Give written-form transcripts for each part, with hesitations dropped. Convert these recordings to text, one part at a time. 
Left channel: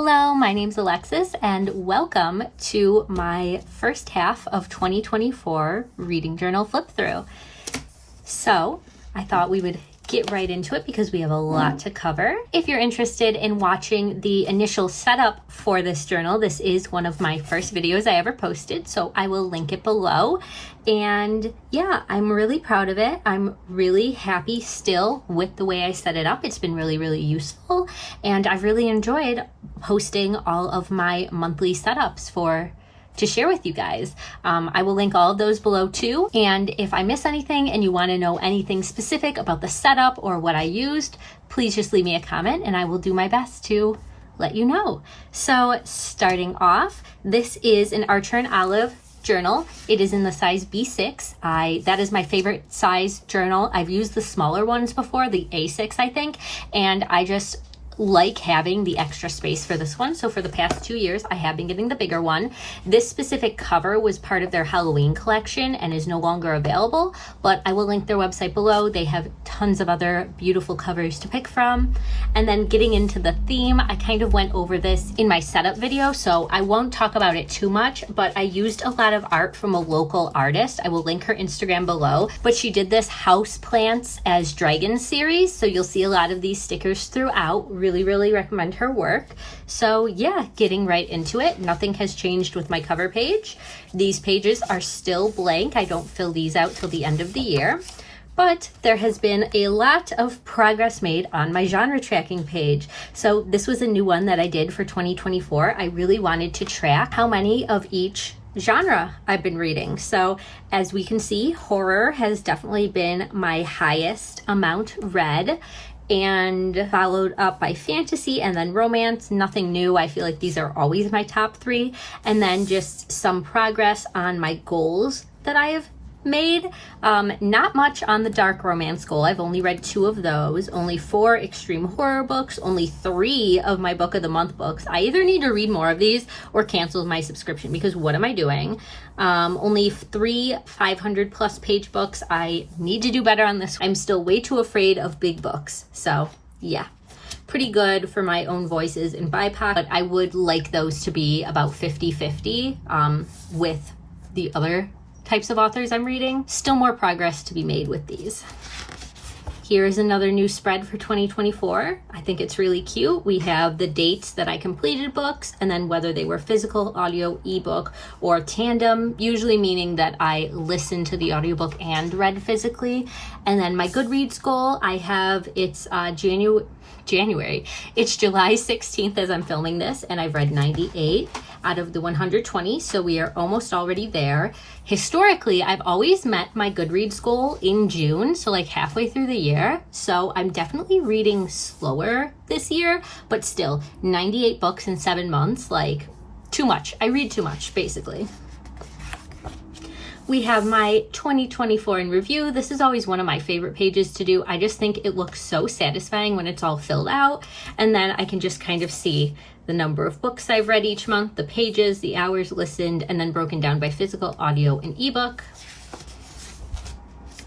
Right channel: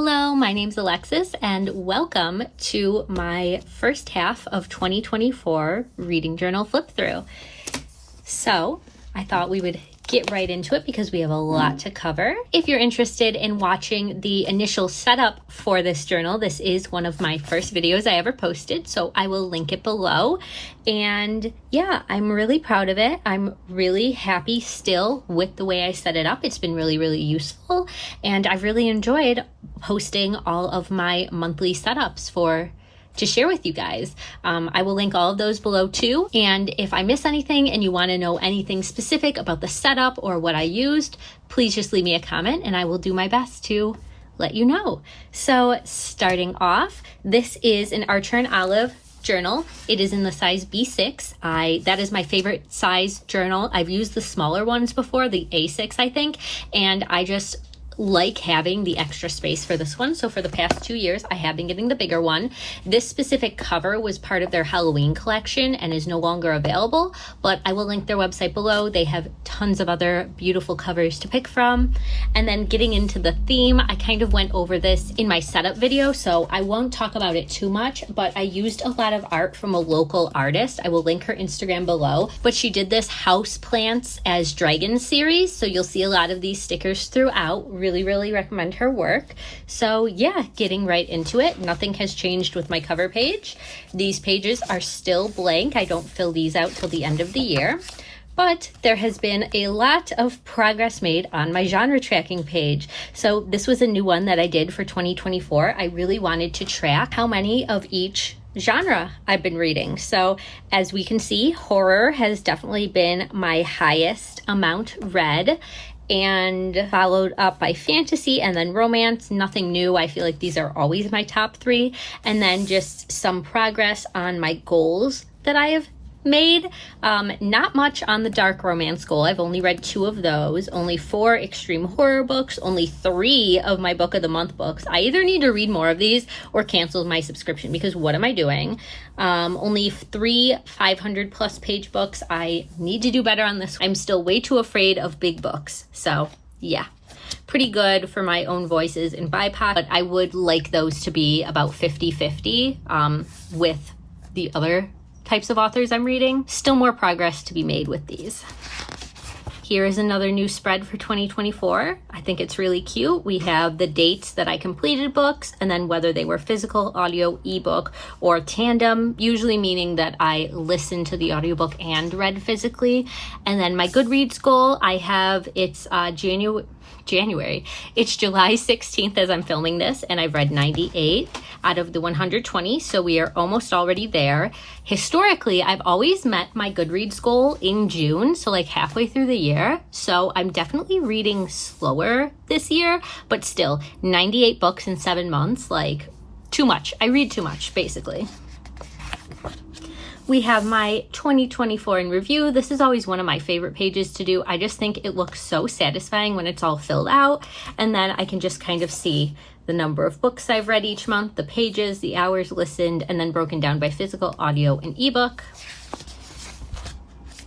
Hello, my name's Alexis and welcome to my first half of 2024 reading journal flip through. So I thought we would get right into it because we have a lot to cover. If you're interested in watching the initial setup for this journal, this is one of my first videos I ever posted, so I will link it below. And yeah, I'm really proud of it. I'm really happy still with the way I set it up. It's been really useful, and I've really enjoyed posting all of my monthly setups to share with you guys. I will link all of those below too. And if I miss anything and you want to know anything specific about the setup or what I used, please just leave me a comment and I will do my best to let you know. So starting off, this is an Archer and Olive journal. It is in the size B6. That is my favorite size journal. I've used the smaller ones before, the A6 I think, and I just like having the extra space for this one. So for the past 2 years, I have been getting the bigger one. This specific cover was part of their Halloween collection and is no longer available, but I will link their website below. They have tons of other beautiful covers to pick from. And then getting into the theme, I kind of went over this in my setup video, so I won't talk about it too much, but I used a lot of art from a local artist. I will link her Instagram below, but she did this House Plants as Dragons series, so you'll see a lot of these stickers throughout. Really recommend her work. So yeah, getting right into it. Nothing has changed with my cover page. These pages are still blank. I don't fill these out till the end of the year. But there has been a lot of progress made on my genre tracking page. So this was a new one that I did for 2024. I really wanted to track how many of each genre I've been reading. So as we can see, horror has definitely been my highest amount read, and followed up by fantasy and then romance. Nothing new. I feel like these are always my top 3. And then just some progress on my goals that I have made. Not much on the dark romance goal. I've only read 2 of those, only 4 extreme horror books, only 3 of my book of the month books. I either need to read more of these or cancel my subscription, because what am I doing? Only 3 500 plus page books. I need to do better on this. I'm still way too afraid of big books. So yeah, pretty good for my own voices in BIPOC, but I would like those to be about 50-50 with the other types of authors I'm reading. Still more progress to be made with these. Here is another new spread for 2024. I think it's really cute. We have the dates that I completed books, and then whether they were physical, audio, ebook, or tandem, usually meaning that I listened to the audiobook and read physically. And then my Goodreads goal, I have it's January. It's July 16th as I'm filming this, and I've read 98 out of the 120, so we are almost already there. Historically, I've always met my Goodreads goal in June, so like halfway through the year. So I'm definitely reading slower this year, but still 98 books in 7 months, like too much. I read too much, basically. We have my 2024 in review. This is always one of my favorite pages to do. I just think it looks so satisfying when it's all filled out, and then I can just kind of see the number of books I've read each month, the pages, the hours listened, and then broken down by physical, audio, and ebook.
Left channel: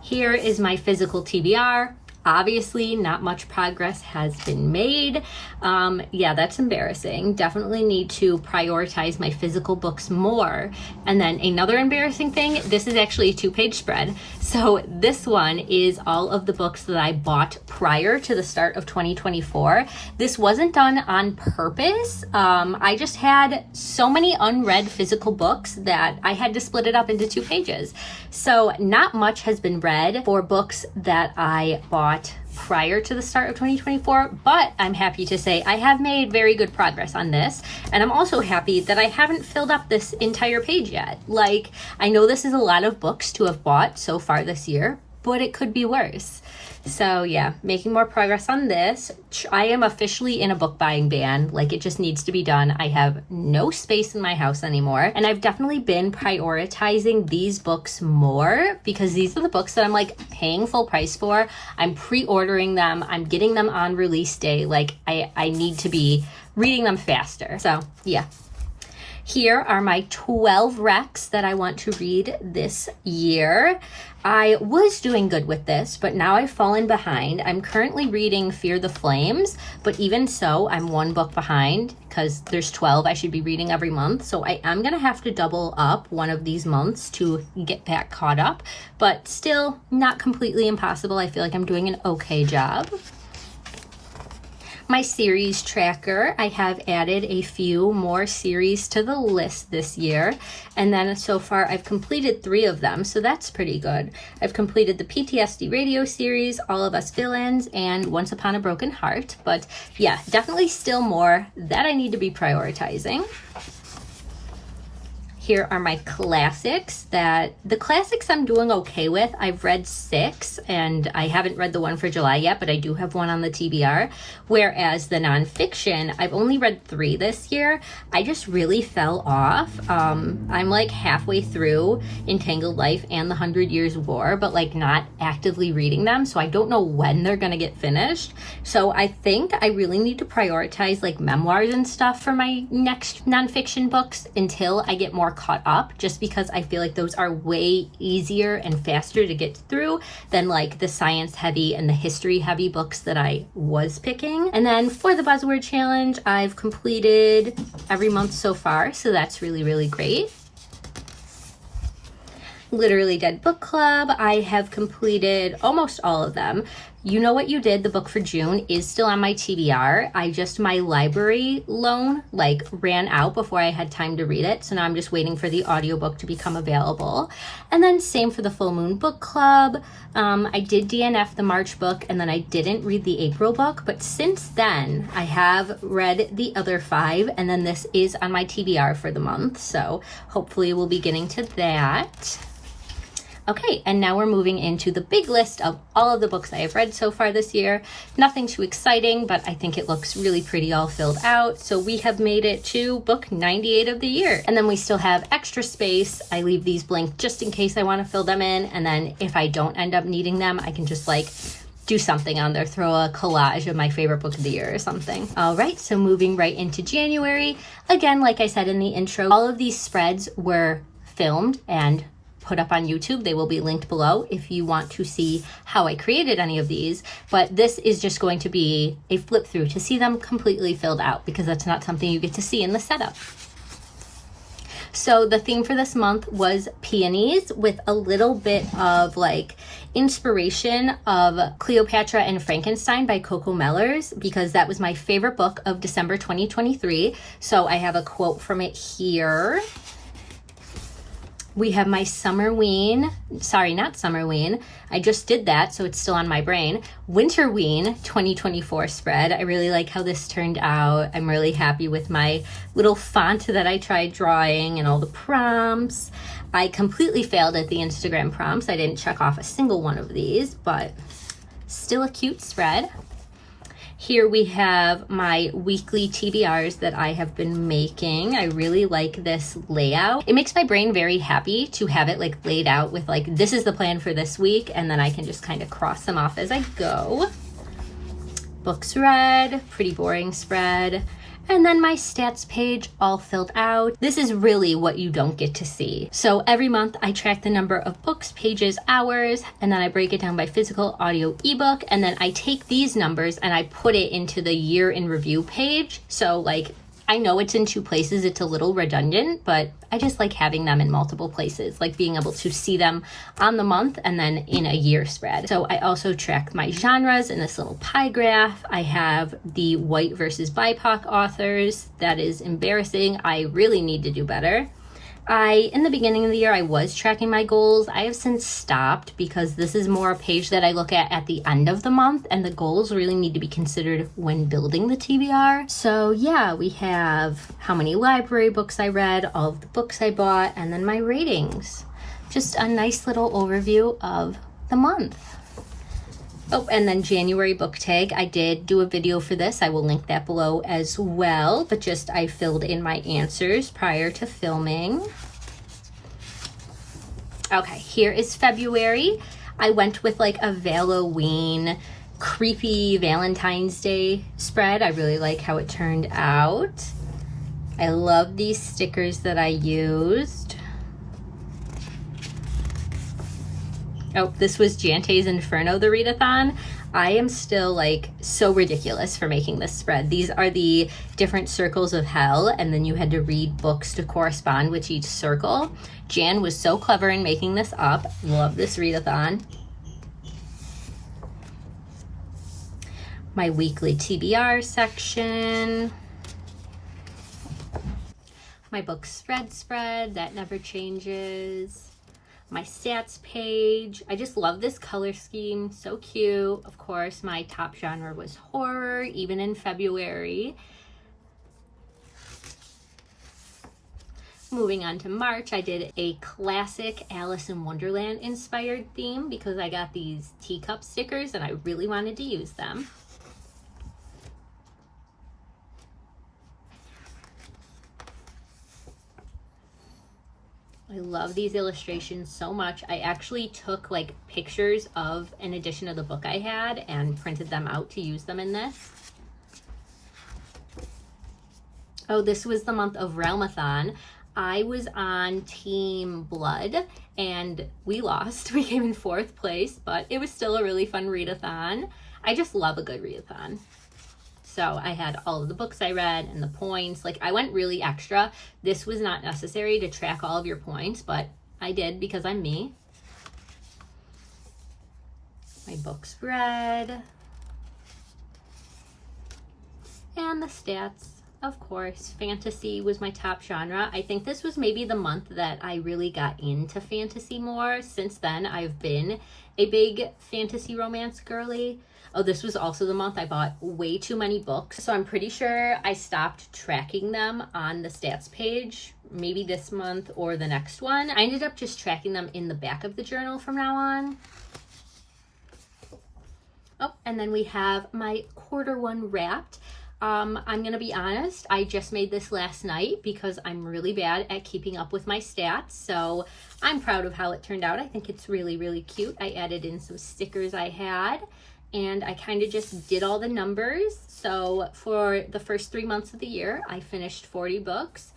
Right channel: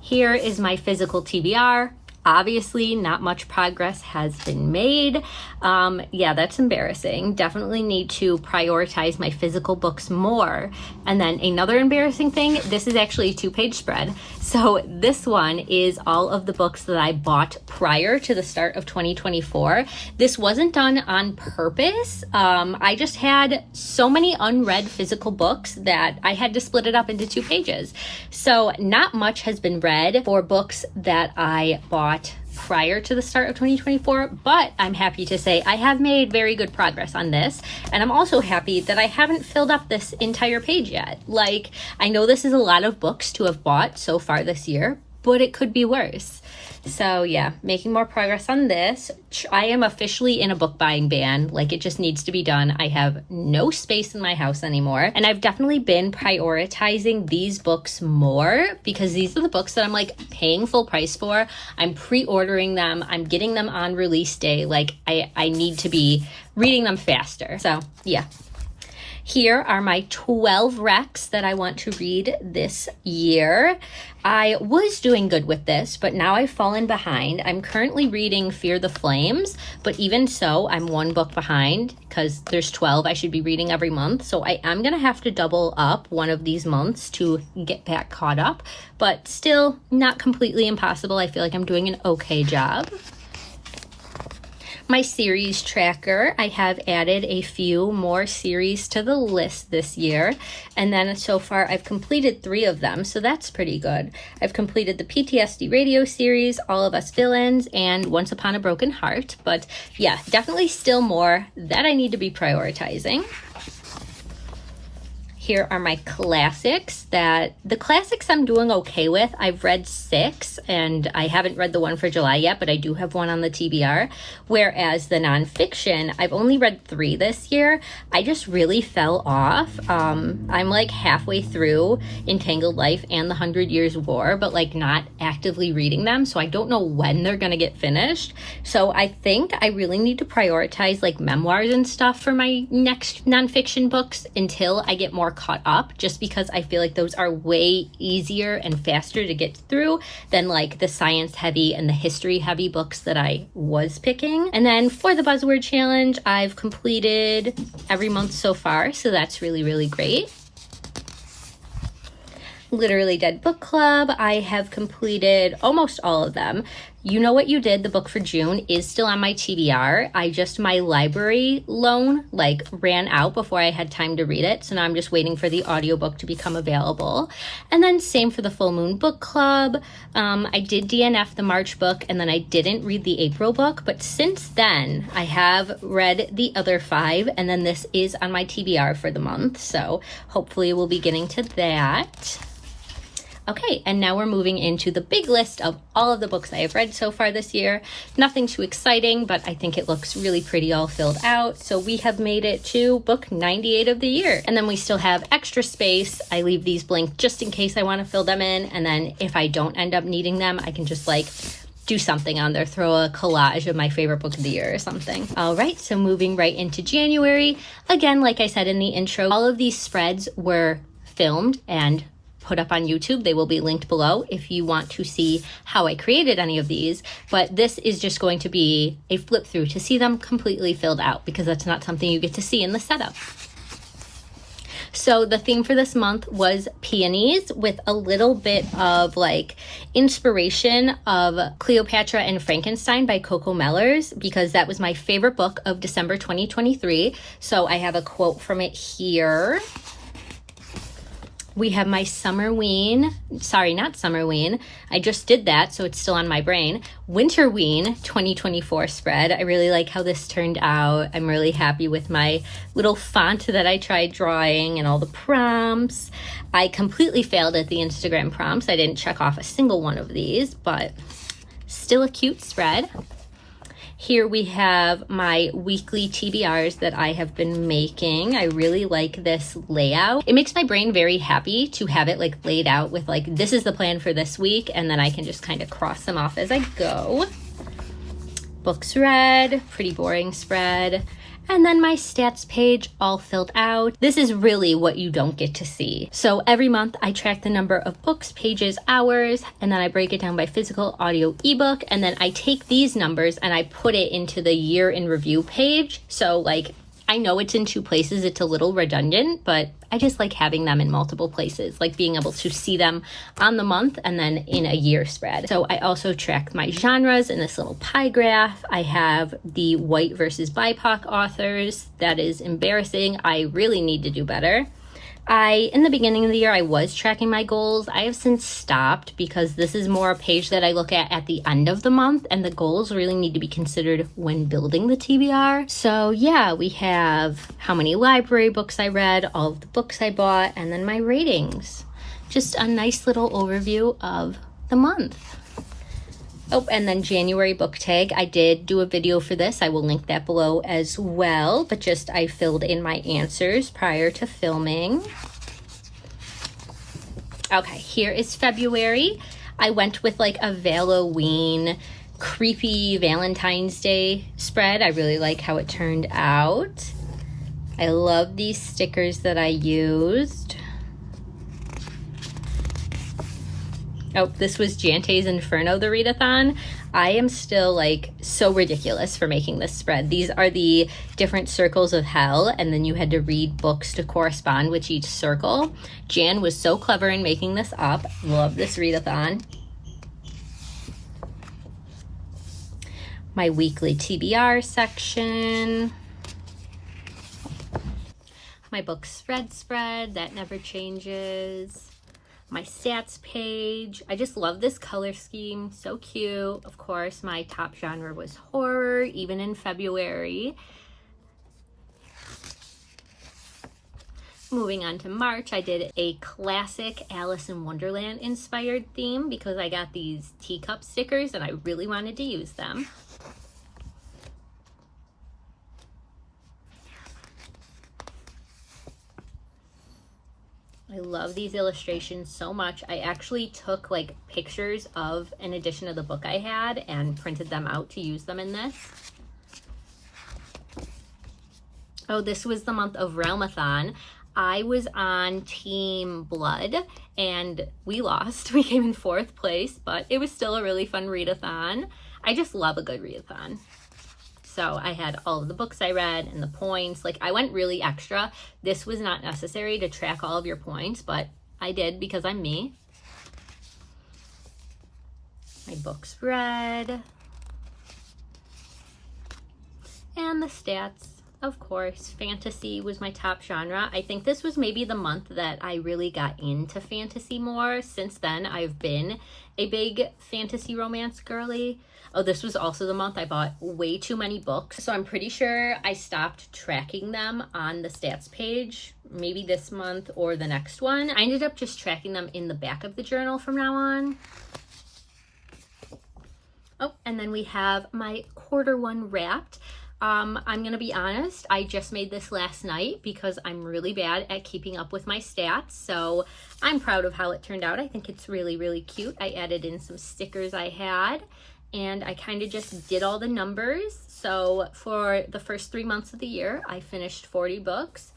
Here is my physical TBR. Obviously, not much progress has been made. Yeah, that's embarrassing. Definitely need to prioritize my physical books more. And then another embarrassing thing, this is actually a 2-page spread. So this one is all of the books that I bought prior to the start of 2024. This wasn't done on purpose. I just had so many unread physical books that I had to split it up into 2 pages. So not much has been read for books that I bought prior to the start of 2024, but I'm happy to say I have made very good progress on this, and I'm also happy that I haven't filled up this entire page yet. Like, I know this is a lot of books to have bought so far this year, but it could be worse. So yeah, making more progress on this. I am officially in a book buying ban. Like, it just needs to be done. I have no space in my house anymore. And I've definitely been prioritizing these books more because these are the books that I'm like paying full price for. I'm pre-ordering them. I'm getting them on release day. Like, I need to be reading them faster. So yeah. Here are my 12 recs that I want to read this year. I was doing good with this, but now I've fallen behind. I'm currently reading Fear the Flames, but even so, I'm one book behind because there's 12 I should be reading every month. So I am going to have to double up one of these months to get back caught up, but still not completely impossible. I feel like I'm doing an okay job. My series tracker, I have added a few more series to the list this year, and then so far I've completed 3 of them, so that's pretty good. I've completed the PTSD radio series, All of Us Villains, and Once Upon a Broken Heart, but yeah, definitely still more that I need to be prioritizing. Here are my classics. The classics I'm doing okay with. I've read 6 and I haven't read the one for July yet, but I do have one on the TBR. Whereas the nonfiction, I've only read 3 this year. I just really fell off. I'm like halfway through Entangled Life and The 100 Years War, but like not actively reading them. So I don't know when they're gonna get finished. So I think I really need to prioritize like memoirs and stuff for my next nonfiction books until I get more caught up, just because I feel like those are way easier and faster to get through than like the science heavy and the history heavy books that I was picking. And then for the buzzword challenge, I've completed every month so far, so that's really, really great. Literally Dead Book Club, I have completed almost all of them. You Know What You Did, the book for June, is still on my TBR. My library loan like ran out before I had time to read it, so now I'm just waiting for the audiobook to become available. And then same for the Full Moon Book Club. I did DNF the March book, and then I didn't read the April book, but since then I have read the other 5, and then this is on my TBR for the month, so hopefully we'll be getting to that. Okay, and now we're moving into the big list of all of the books I have read so far this year. Nothing too exciting, but I think it looks really pretty all filled out. So we have made it to book 98 of the year. And then we still have extra space. I leave these blank just in case I want to fill them in. And then if I don't end up needing them, I can just like do something on there, throw a collage of my favorite book of the year or something. All right, so moving right into January. Again, like I said in the intro, all of these spreads were filmed and put up on YouTube. They will be linked below if you want to see how I created any of these, but this is just going to be a flip through to see them completely filled out because that's not something you get to see in the setup. So the theme for this month was peonies with a little bit of like inspiration of Cleopatra and Frankenstein by Coco Mellors because that was my favorite book of December 2023. So I have a quote from it here. We have my Summerween, sorry, not Summerween. I just did that, so it's still on my brain. Winterween 2024 spread. I really like how this turned out. I'm really happy with my little font that I tried drawing and all the prompts. I completely failed at the Instagram prompts. I didn't check off a single one of these, but still a cute spread. Here we have my weekly TBRs that I have been making. I really like this layout. It makes my brain very happy to have it like laid out with like, this is the plan for this week, and then I can just kind of cross them off as I go. Books read, pretty boring spread. And then my stats page all filled out. This is really what you don't get to see. So every month I track the number of books, pages, hours, and then I break it down by physical, audio, ebook, and then I take these numbers and I put it into the year in review page. So like, I know it's in 2 places, it's a little redundant, but I just like having them in multiple places, like being able to see them on the month and then in a year spread. So I also track my genres in this little pie graph. I have the white versus BIPOC authors. That is embarrassing. I really need to do better. In the beginning of the year, I was tracking my goals. I have since stopped because this is more a page that I look at the end of the month, and the goals really need to be considered when building the TBR. So yeah, we have how many library books I read, all of the books I bought, and then my ratings. Just a nice little overview of the month. Oh, and then January book tag. I did do a video for this. I will link that below as well, but just I filled in my answers prior to filming. Okay, here is February. I went with like a Halloween, creepy Valentine's Day spread. I really like how it turned out. I love these stickers that I used. Oh, this was Jante's Inferno, the readathon. I am still like so ridiculous for making this spread. These are the different circles of hell, and then you had to read books to correspond with each circle. Jan was so clever in making this up. Love this readathon. My weekly TBR section. My book spread that never changes. My stats page. I just love this color scheme, so cute. Of course, my top genre was horror, even in February. Moving on to March, I did a classic Alice in Wonderland inspired theme because I got these teacup stickers and I really wanted to use them. I love these illustrations so much. I actually took like pictures of an edition of the book I had and printed them out to use them in this. Oh, this was the month of Realmathon. I was on Team Blood and we lost. We came in 4th place, but it was still a really fun readathon. I just love a good readathon. So I had all of the books I read and the points. Like I went really extra. This was not necessary to track all of your points, but I did because I'm me. My books read. And the stats, of course. Fantasy was my top genre. I think this was maybe the month that I really got into fantasy more. Since then, I've been a big fantasy romance girly. Oh, this was also the month I bought way too many books. So I'm pretty sure I stopped tracking them on the stats page, maybe this month or the next one. I ended up just tracking them in the back of the journal from now on. Oh, and then we have my Q1 wrapped. I'm gonna be honest, I just made this last night because I'm really bad at keeping up with my stats. So I'm proud of how it turned out. I think it's really, really cute. I added in some stickers I had. And I kind of just did all the numbers. So for the first 3 months of the year, I finished 40 books,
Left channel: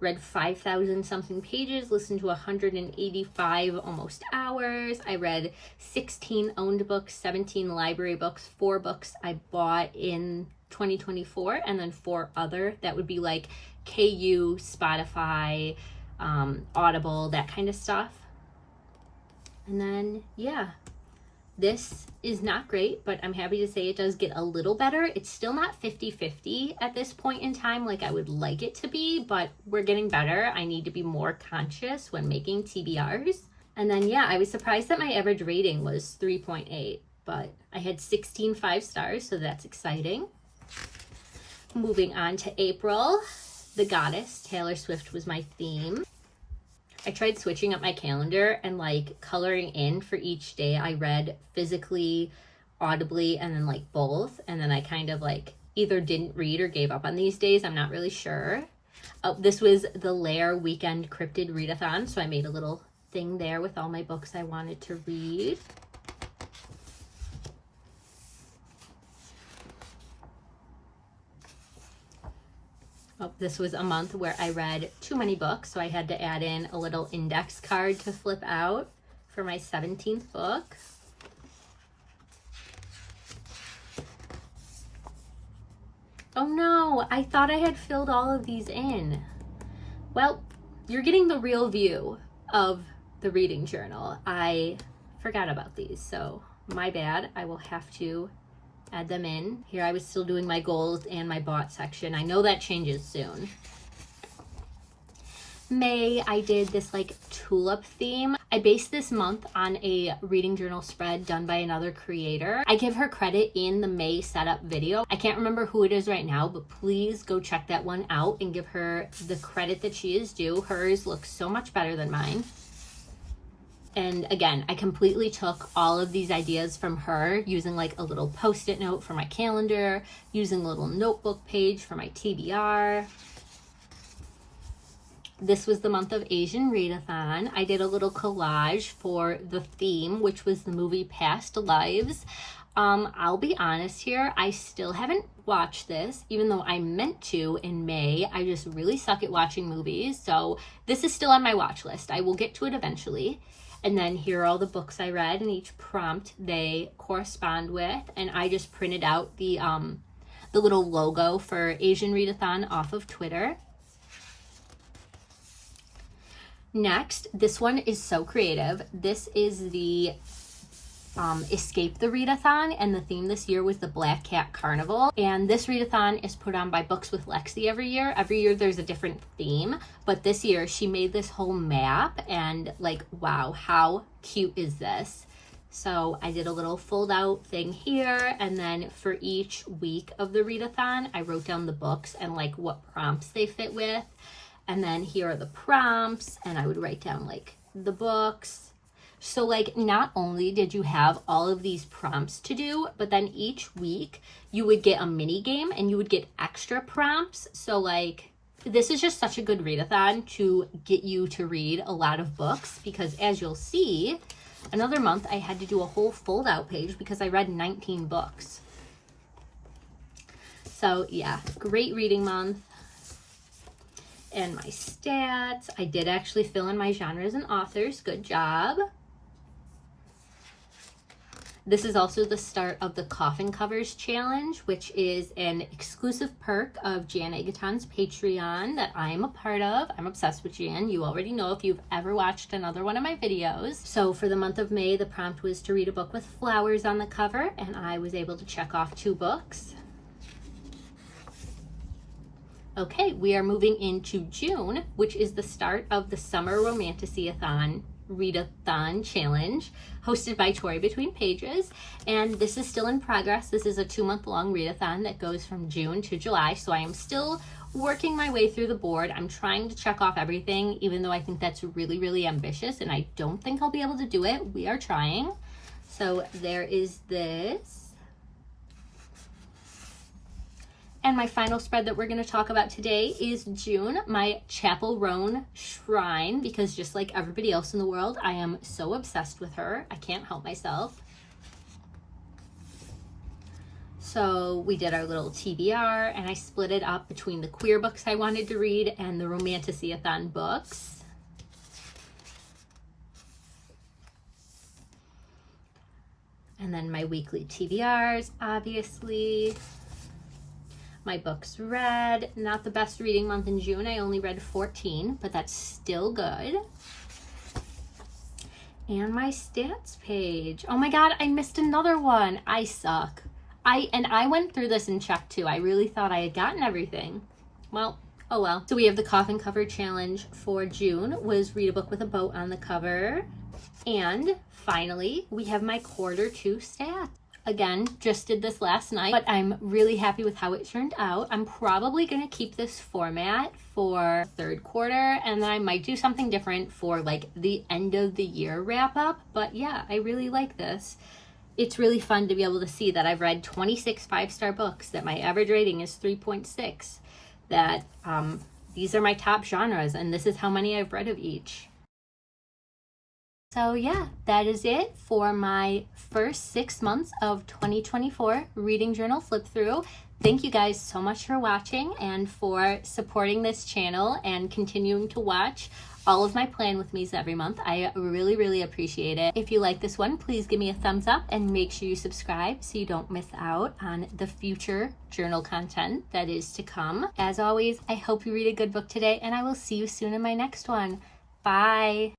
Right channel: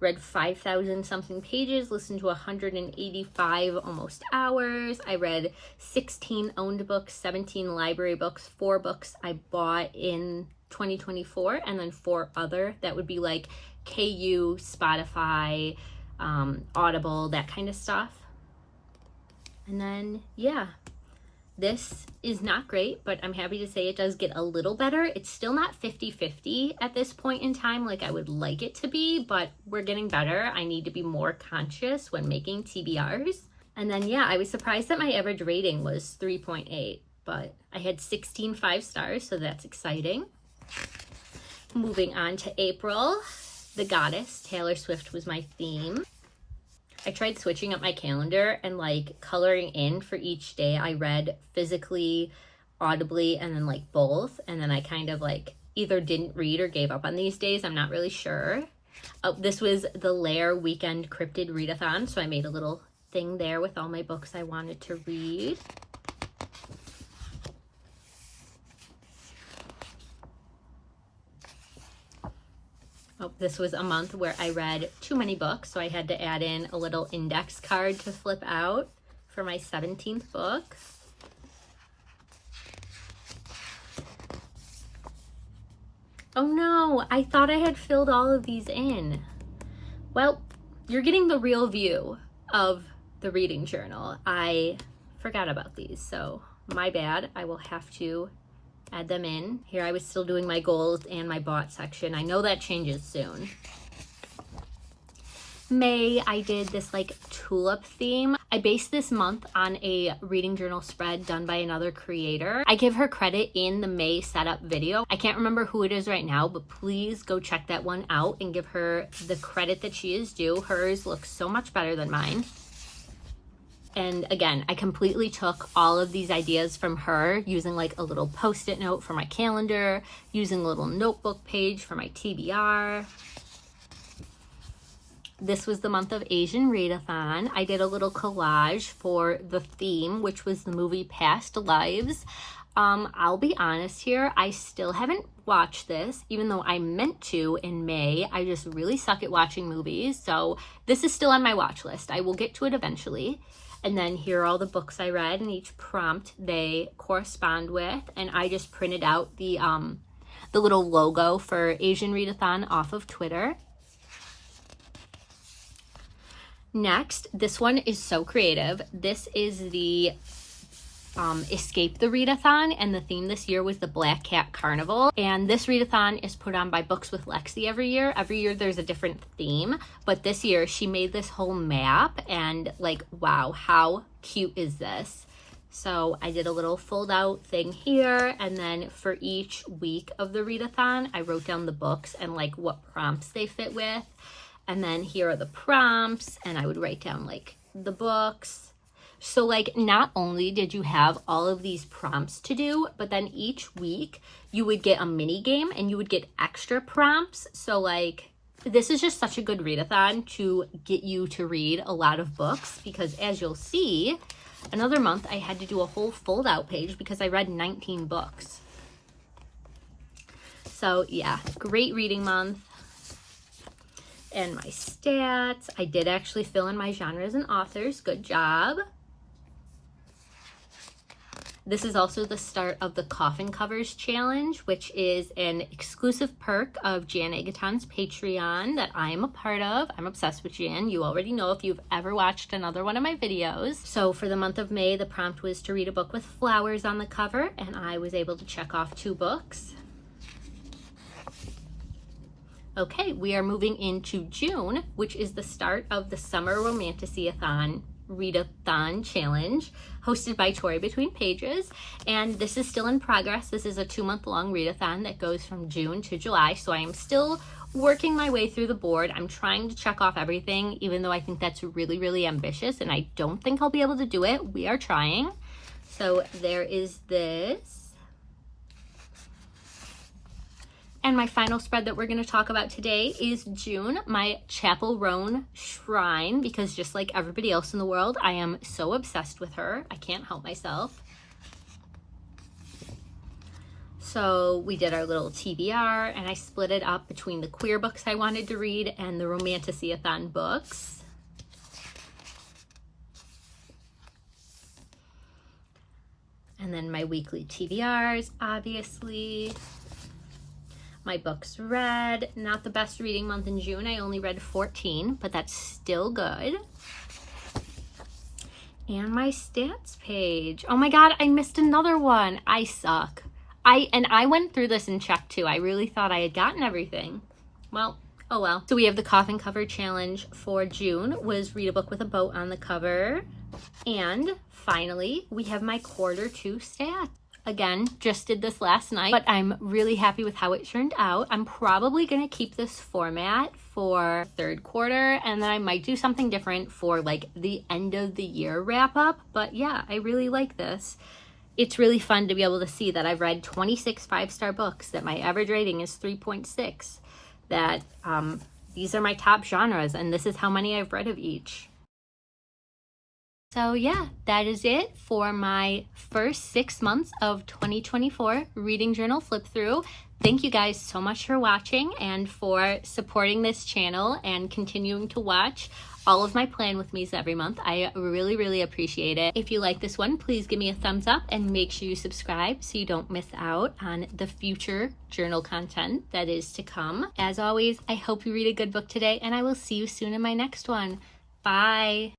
read 5,000 something pages, listened to 185 almost hours. I read 16 owned books, 17 library books, 4 books I bought in 2024, and then 4 other that would be like KU, Spotify, Audible, that kind of stuff. And then, yeah. This is not great, but I'm happy to say it does get a little better. It's still not 50-50 at this point in time like I would like it to be, but we're getting better. I need to be more conscious when making TBRs. And then, yeah, I was surprised that my average rating was 3.8, but I had 16 5 stars, so that's exciting. Moving on to April, The Goddess, Taylor Swift was my theme. I tried switching up my calendar and like coloring in for each day I read physically, audibly, and then like both. And then I kind of like either didn't read or gave up on these days. I'm not really sure. This was the Lair Weekend Cryptid Readathon. So I made a little thing there with all my books I wanted to read. Oh, this was a month where I read too many books, so I had to add in a little index card to flip out for my 17th book. Oh no, I thought I had filled all of these in. Well, you're getting the real view of the reading journal. I forgot about these, so my bad. I will have to add them in. Here I was still doing my goals and my bought section. I know that changes soon. May, I did this like tulip theme. I based this month on a reading journal spread done by another creator. I give her credit in the May setup video. I can't remember who it is right now, but please go check that one out and give her the credit that she is due. Hers looks so much better than mine. And again, I completely took all of these ideas from her, using like a little post-it note for my calendar, using a little notebook page for my TBR. This was the month of Asian Readathon. I did a little collage for the theme, which was the movie Past Lives. I'll be honest here, I still haven't watched this, even though I meant to in May. I just really suck at watching movies, so this is still on my watch list. I will get to it eventually. And then here are all the books I read, and each prompt they correspond with, and I just printed out the little logo for Asian Readathon off of Twitter. Next, this one is so creative. This is the Escape the Readathon, and the theme this year was the Black Cat Carnival. And this readathon is put on by Books with Lexi every year. Every year there's a different theme, but this year she made this whole map, and like, wow, how cute is this? So I did a little fold out thing here, and then for each week of the readathon, I wrote down the books and like what prompts they fit with. And then here are the prompts, and I would write down like the books. So like, not only did you have all of these prompts to do, but then each week you would get a mini game and you would get extra prompts. So like, this is just such a good readathon to get you to read a lot of books, because as you'll see, another month I had to do a whole fold out page because I read 19 books. So yeah, great reading month. And my stats, I did actually fill in my genres and authors. Good job. This is also the start of the Coffin Covers Challenge, which is an exclusive perk of Jan Agaton's Patreon that I am a part of. I'm obsessed with Jan. You already know if you've ever watched another one of my videos. So for the month of May, the prompt was to read a book with flowers on the cover, and I was able to check off 2 books. Okay, we are moving into June, which is the start of the Summer Romantasy-a-thon Readathon Challenge, hosted by Tori Between Pages. And this is still in progress. This is a 2-month-long readathon that goes from June to July, so I am still working my way through the board. I'm trying to check off everything, even though I think that's really, really ambitious, and I don't think I'll be able to do it. We are trying. So there is this. And my final spread that we're going to talk about today is June, my Chapel Roan shrine, because just like everybody else in the world, I am so obsessed with her. I can't help myself. So we did our little TBR, and I split it up between the queer books I wanted to read and the Romantasy-a-thon books. And then my weekly TBRs, obviously. My books read, not the best reading month in June. I only read 14, but that's still good. And my stats page. Oh my God, I missed another one. I suck. I went through this and checked too. I really thought I had gotten everything. Well, oh well. So we have the Coffin Cover Challenge for June, was read a book with a boat on the cover. And finally, we have my quarter 2 stats. Again, just did this last night, but I'm really happy with how it turned out. I'm probably going to keep this format for 3rd quarter, and then I might do something different for like the end of the year wrap up. But yeah, I really like this. It's really fun to be able to see that I've read 26 5-star books, that my average rating is 3.6, that these are my top genres, and this is how many I've read of each. So yeah, that is it for my first 6 months of 2024 Reading Journal Flip Through. Thank you guys so much for watching and for supporting this channel and continuing to watch all of my plan with me's every month. I really, really appreciate it. If you like this one, please give me a thumbs up and make sure you subscribe so you don't miss out on the future journal content that is to come. As always, I hope you read a good book today, and I will see you soon in my next one. Bye.